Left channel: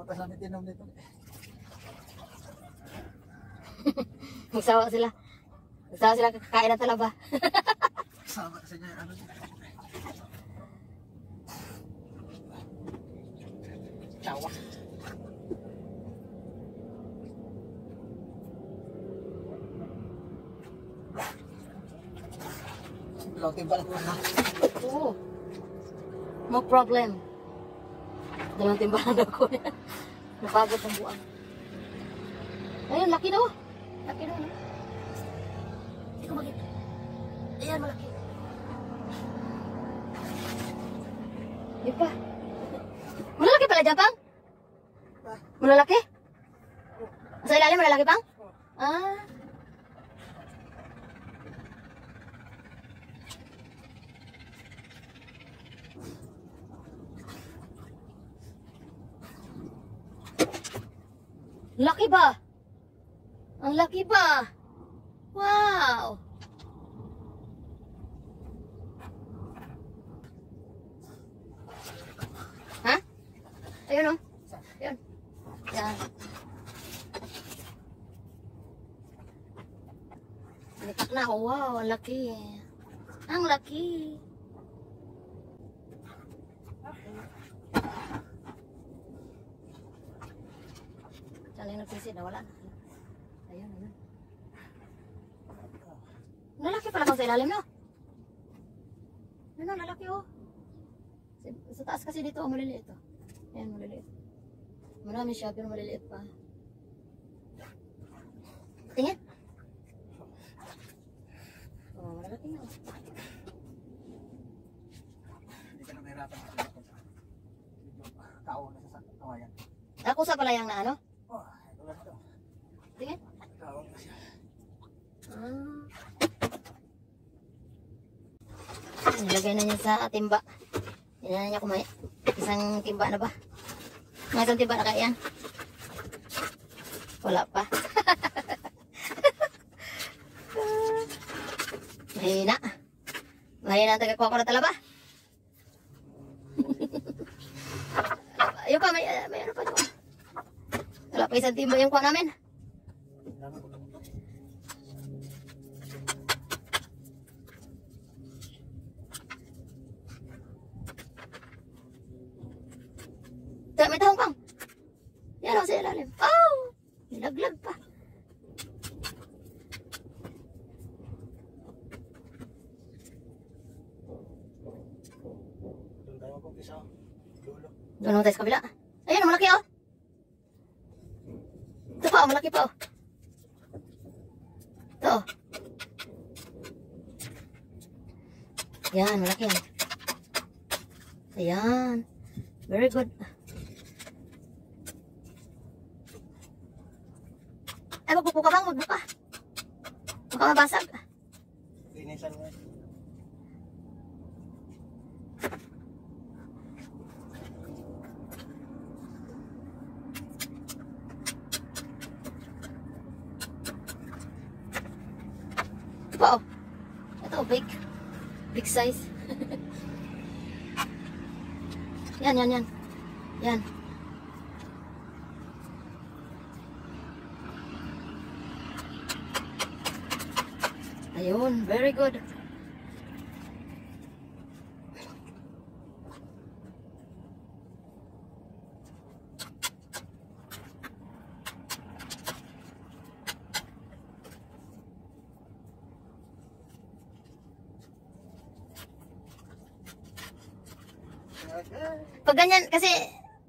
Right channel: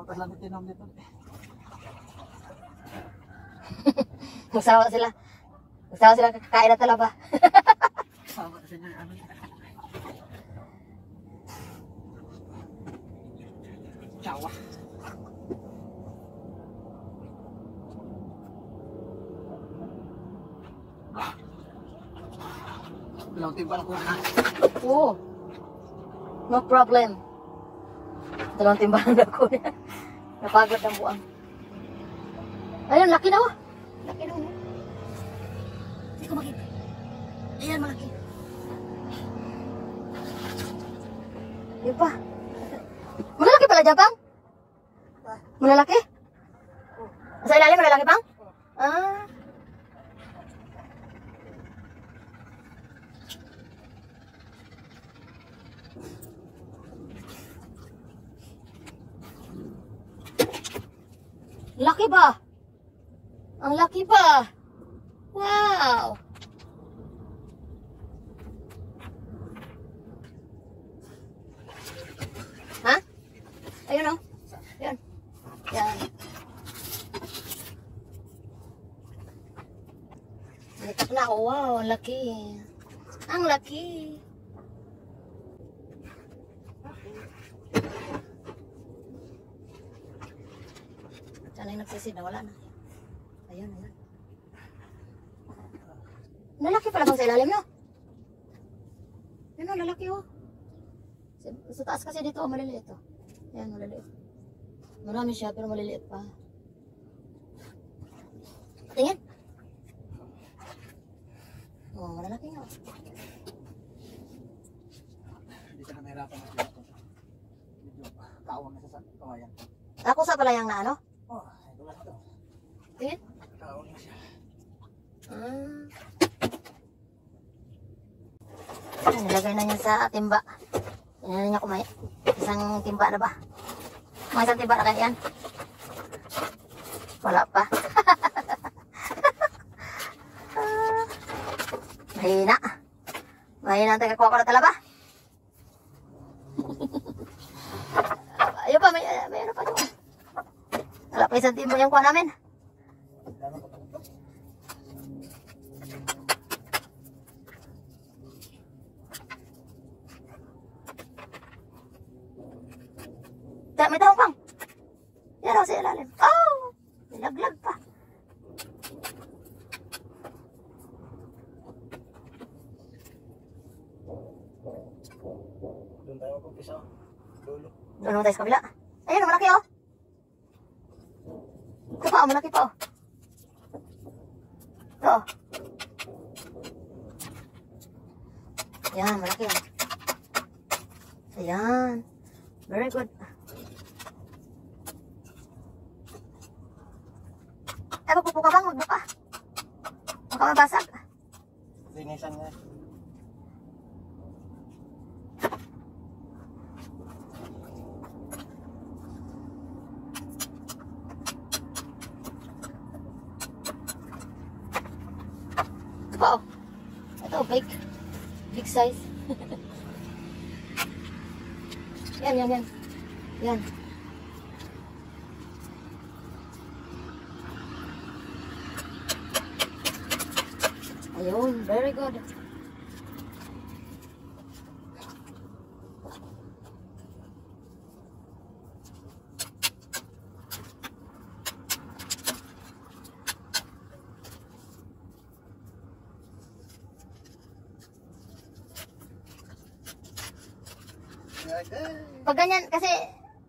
Magpasalamit din naman dito. Magsawa sila. Magsawa sila kakain na talaba. Sama sa inyo ano. Chawa. Dalawang timba lang kuha na. Oo. No problem. Dalawang timbangan na ako. Napagod ng buang. Ayun, laki na oh. Laki na oh. Hindi ko makita. Ayan, malaki. Yun pa. Malalaki pala dyan, Pang? Malalaki? Sa ilalim, malalaki, Pang? Ah. Laki ba? Ang laki pa. Wow. Ha? Ayun oh. Ayun. Yan. Litak na ako. Wow, ang laki. Ang laki. Saan yung nagsisid na? Wala na. Ayun, ayun. Lalaki pala bang sa ilalim nyo? Ano, lalaki oh. Sa taas kasi dito, maliliit oh. Ayan, maliliit. Marami siya, pero maliliit pa. Tingin. Oh, malalaki nga. Hindi ka na mahirapan. Medyo kaawang na sa kamayan. Ako sa pala yung na ano? Oh, ito lang ito. Tingin. Kaawang na siya. Nilagay na niya sa timba. Yan na niya kumain. Isang timba na ba? Mga isang timba na kaya yan? Wala pa. Mahina. Mahina ang tagakuha ko na talaba. Ayun pa, may ano pa doon. Wala pa isang timba yung kuha namin. May tahong Pang. Yan o, sa ilalim. Oh! Nilaglag pa. Doon tayo mag-umpisa. Dulo. Doon naman tayo sa kabila. Ayun, malaki oh. Ito pa, malaki pa oh. Ito oh. Yan, malaki yan. Ayan. Very good. Ay, magpupo ka bang? Magbuka. Baka mabasag. Linisan nga. Wow. Ito, big. Big size. Yan, yan, yan. Yan. Ayun, very good. Pag ganyan, kasi,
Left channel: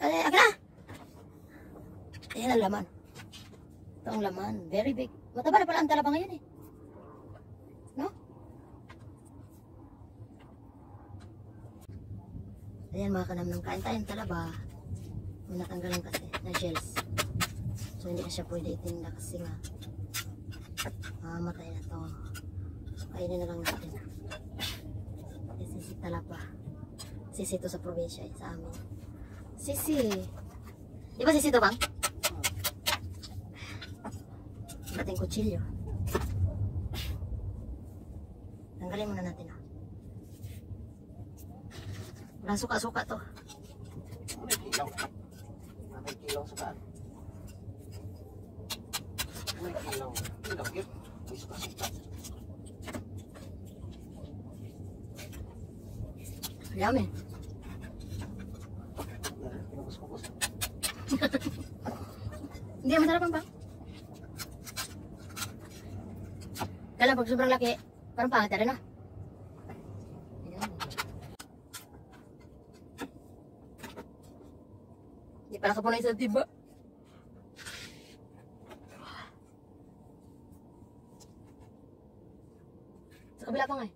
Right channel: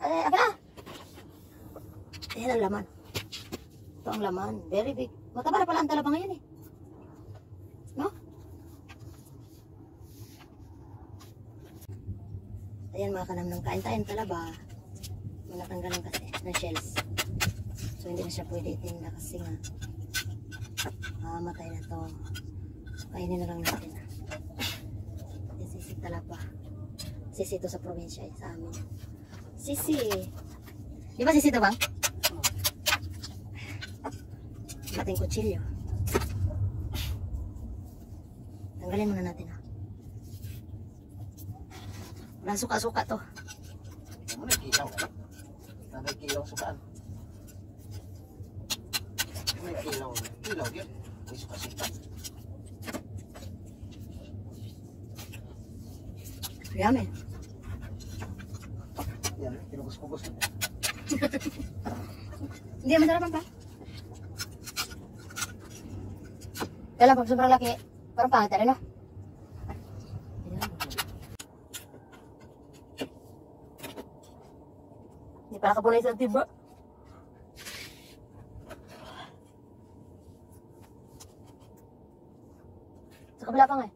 aga na. Ayan ang laman. Ito ang laman. Very big. Mataba na pala ang talaba ngayon eh. No? Ayan mga kanamnam. Kain tayong talaba. Manatanggalan kasi ng shells. So hindi na siya pwede itinda kasi nga matay na to. So kainin na lang natin. Sisi talaba. Sisi to sa probinsya sa amin. Sisi. Di ba sisi to bang? Ating kutsilyo. Tanggalin muna natin ha. Walang suka-suka to. may kilaw sukaan. May kilaw. Kilaw yun. May suka-suka. Yummy. Yan, pinukos-pukos. Hindi, masarap ang pa. Kaya lang, pag sobrang laki, parang pangit na rin, no? Hindi pa nakapunay sa tiba. Sa kabila pa nga eh.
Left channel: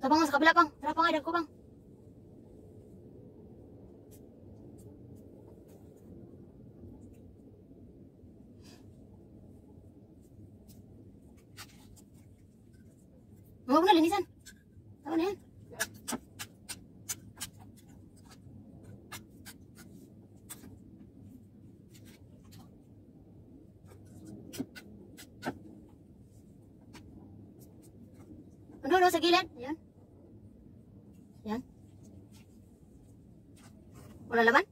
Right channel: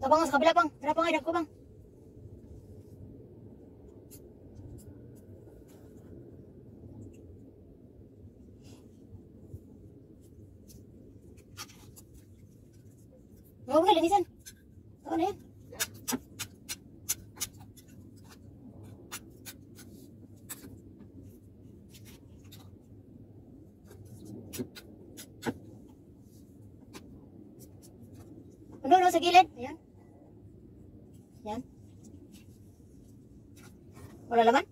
Ito bang, sa kabila pang. Tara pa nga, ko bang. Huwag na, linisan. Tawa na yan. Ano, sa gilid. Ayan. Yan. Wala laman?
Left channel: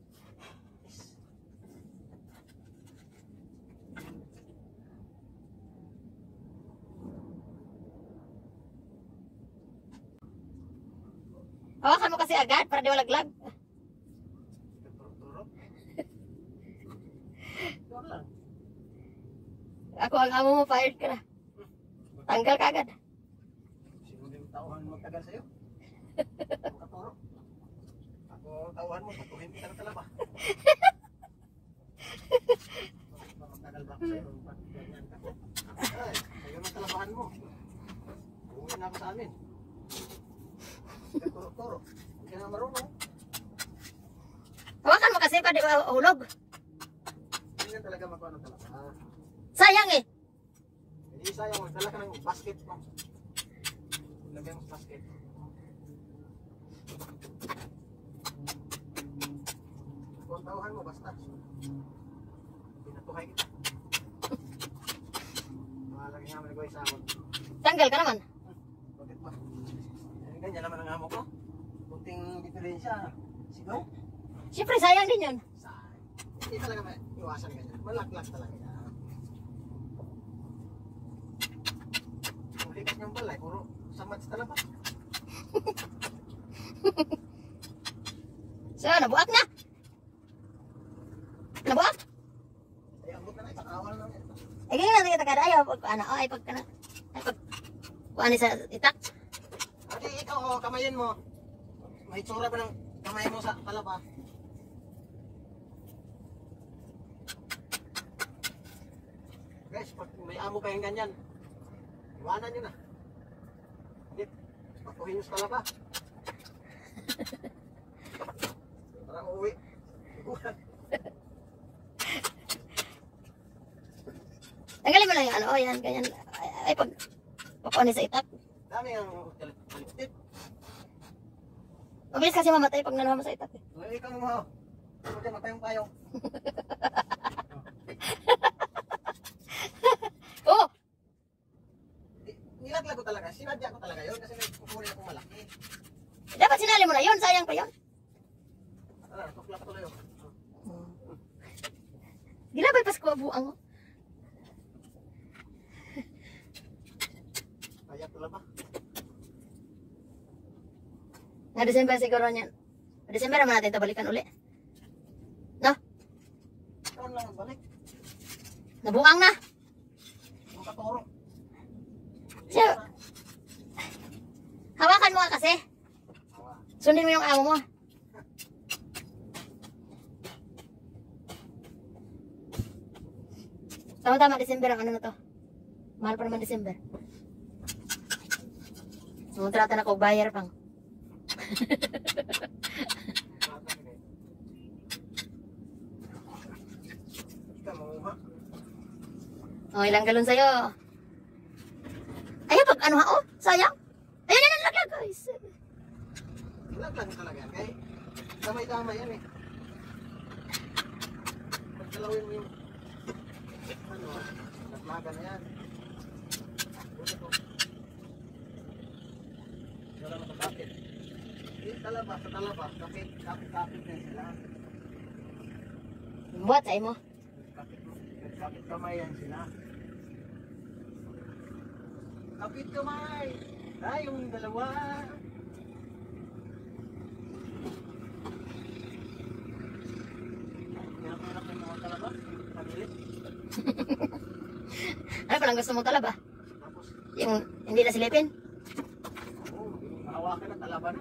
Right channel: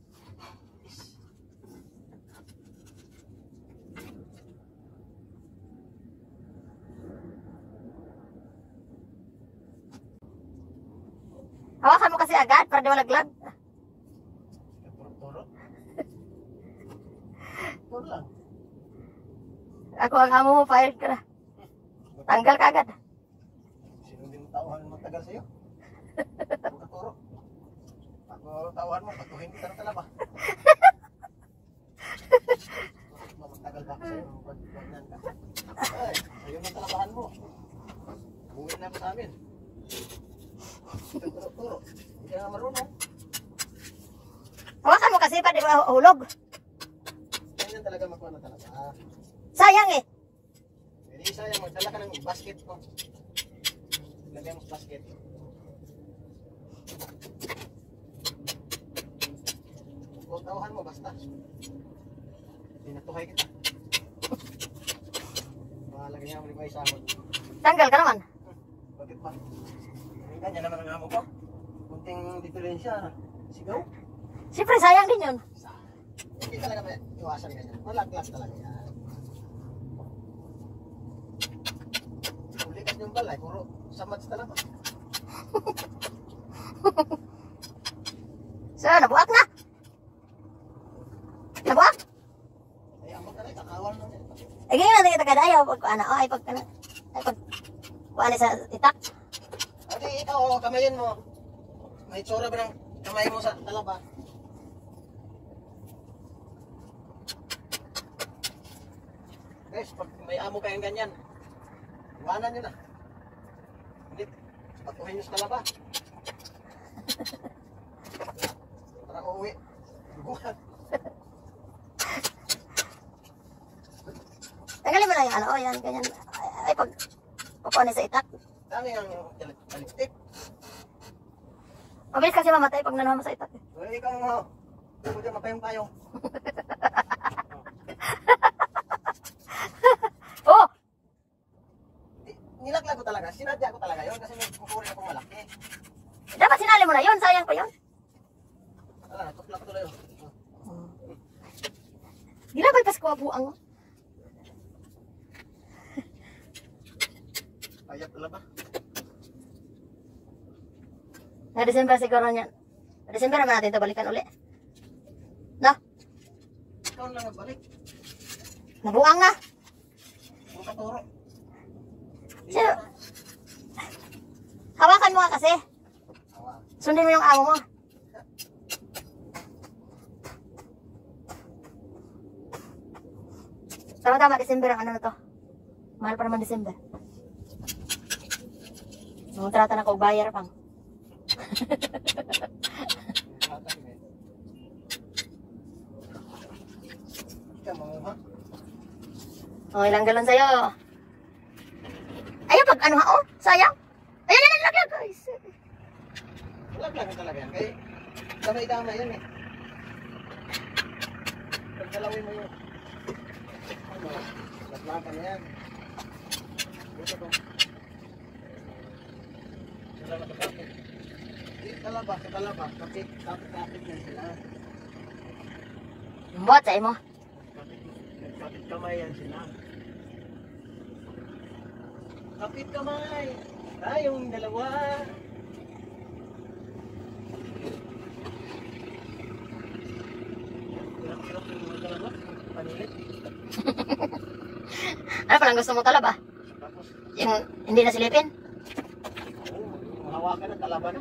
Hawakan mo kasi agad para di malaglag. Turo. Turo lang. Ako ang hamo mo, fired ka na. Tanggal ka agad. Sino din tauhan magtagal sa'yo? Huwag ka turo. Ako tauhan mo, patuhin kita ng talaba. Magtagal ba ako sa'yo? Ganyan ka. Ay, sa'yo na talabahan mo. Umuwi na ako sa amin. Turo. Hindi ka na marunong. Hawakan mo kasi para di mahulog. Ganyan talaga magkuha ng talaba. Sayang eh. Hindi sayang, magdala ka ng basket mo. Lagyan mo sa basket. Huwag tauhan mo, basta. Pinatuhay kita. Mahalagay nga maligay sa amon. Tanggal ka naman. Bakit ba? Ganyan naman ang amo ko. Kunting diferensya. Sigaw. Siyempre sayang din yun. Hindi talaga may iwasan ganyan. Malaglag talaga yan. Ulikas niyong balay, puro samad sa talaba. So, nabuak na. Nabuak? Ay, ambot na rin, kakawal na rin. Eh, ganyan natin kita kada ayaw. Pag ano, ay pag kana. Ay pag kuha sa itak. Ate, ikaw, kamayin mo. May tsura ba ng kamay mo sa talaba? Guys, pag may amo kayong ganyan, iwanan nyo na. Hindi, patuhin nyo sa talaba. Para uuwi. Duguan. Tanggalin mo na yung ano, oh, yan, ganyan. Ay pag kuha sa itak. Dami ang taliptik. Mabilis kasi mamatay pag nanawa mo sa itak. So, ikaw mo. Ikaw dyan, mapayong-payong. Oh! Nilaglag ko talaga. Sinadya ko talaga yun kasi may kukunin akong malaki. Dapat sinali mo na yun, sayang pa yun. Ala, tukla ko tuloy yun. Ginabay pas ko buang mo. Payat talaba. Na December siguro niyan. December naman natin ito balikan uli. No? Ikaw lang nagbalik. Nabuang na. Huwag ka turo. Sino? Hawakan mo nga kasi. Awa. Sundin mo yung amo mo. Tama-tama, December ang ano na to. Mahal pa naman December. Sumunta na ako bayar pang. Ikaw mo. O, ilang galon sa'yo. Ayun, pag ano ha, oh, sayang. Ayun, laglag. Ay, Nilaglag ko talaga yan. Kaya Damay-damay yan eh. Pagkalawin mo yung ano, latlagan na yan. Dito to. Talaba sa kapit. Talaba sa talaba. Kapit na sila. Buhat sa imo. Kapit kamay yan sila. Kapit kamay. Yung dalawa. Hirap-hirap yung mga dalawa. Panilit. Ano palang gusto mo talaba? Tapos, Yung hindi na silipin? mahawakan ng talaba na.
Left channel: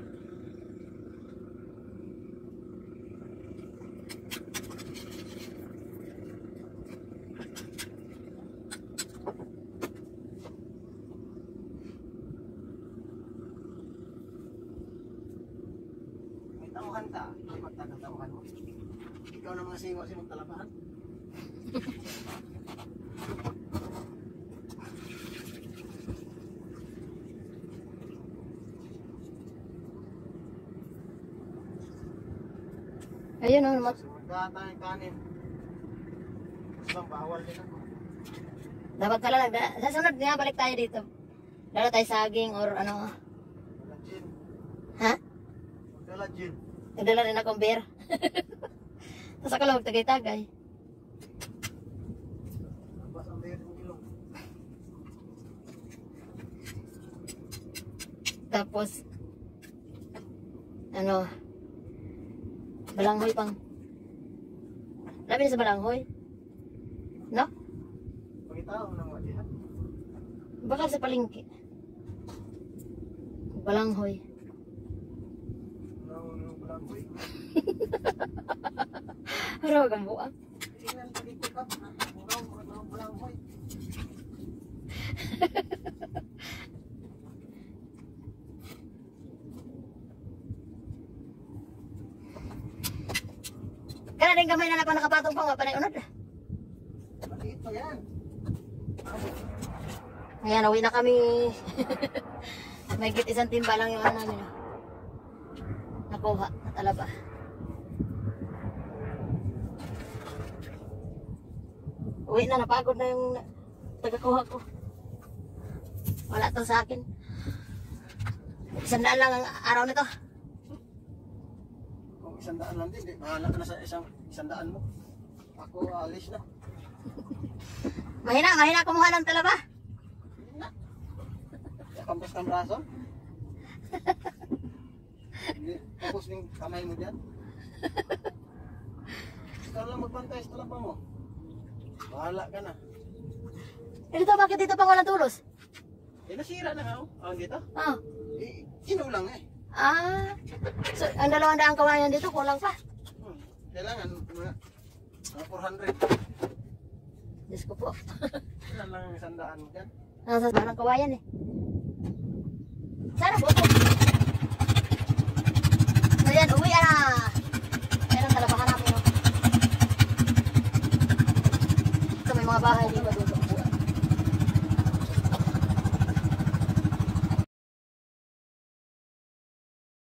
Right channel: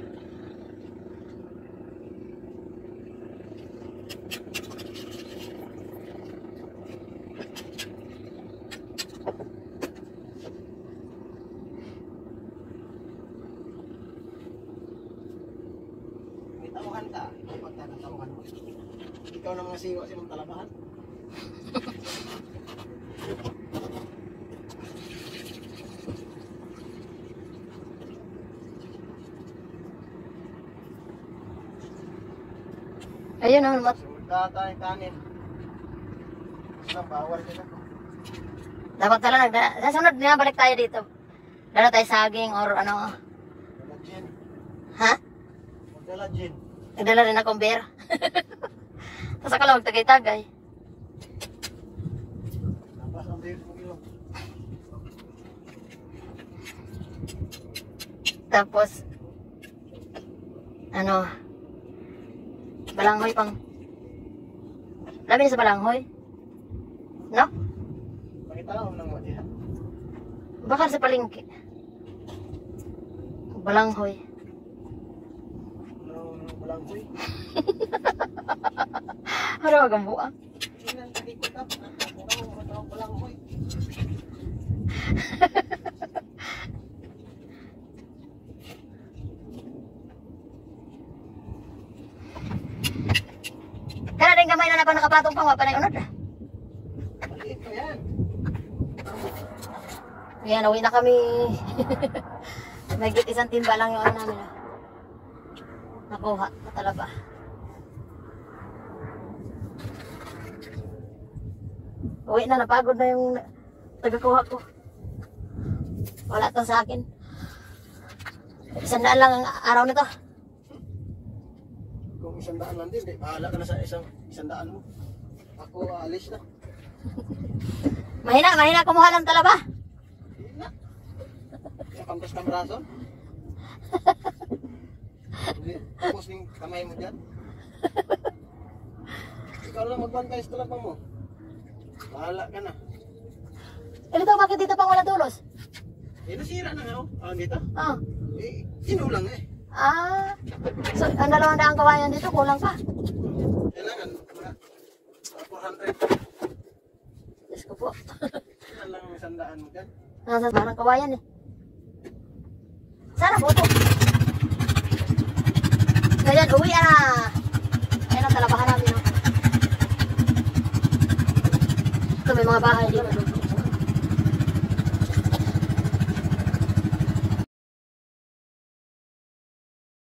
May tauhan ka. Kapag nakatauhan mo. Ikaw nang nasiwa silang talabahan. Ayun naman, mat. Sumagkata yung kanin. Isang bawal din ako. Dapat talaga, sa sunod na balik tayo dito. Dala tayo saging or ano. Magdala gin. Ha? Magdala gin. Nagdala rin akong beer. Tapos ako lang magtagay-tagay. Tapos ang tayo ng ilong. Tapos, ano, balanghoy pang. Labi na sa balanghoy. No? Pakita ko ng matihan. Bakal sa palengke. Balanghoy. Malangkoy. Ano magambuang? Tingnan, talikot up. Ang malangkoy. Kana rin gamay na napang nakapatong pang wapanay unod. Maliit ko yan. Ayan, uwi na kami. May git isang timba lang yung ano namin. Nakuha, natalaba. Uwi na, napagod na yung tagakuha ko. Wala to sa akin. 100 lang ang araw nito. Kung 100 lang din, bahala ka na sa isang 100 mo. Ako aalis na. Mahina kumuha ng talaba. Kampas kang braso. Tapos yung kamay mo dyan. Ikaw lang magbantay sa talabang mo. Bahala ka na. Eh dito, bakit dito pang walang tulos? Nasira na nga oh. Dito? Oh. Sinulang eh. Ah. So, ang 200 kawayan dito, kulang pa. Kailangan, 400. Diyos ko po. Yan lang 100 mo dyan. Nasa parang kawayan eh. Sana boto. So yan, uwi na. Ayan ang talabahan natin. Oh. Ito may mga bahay dito.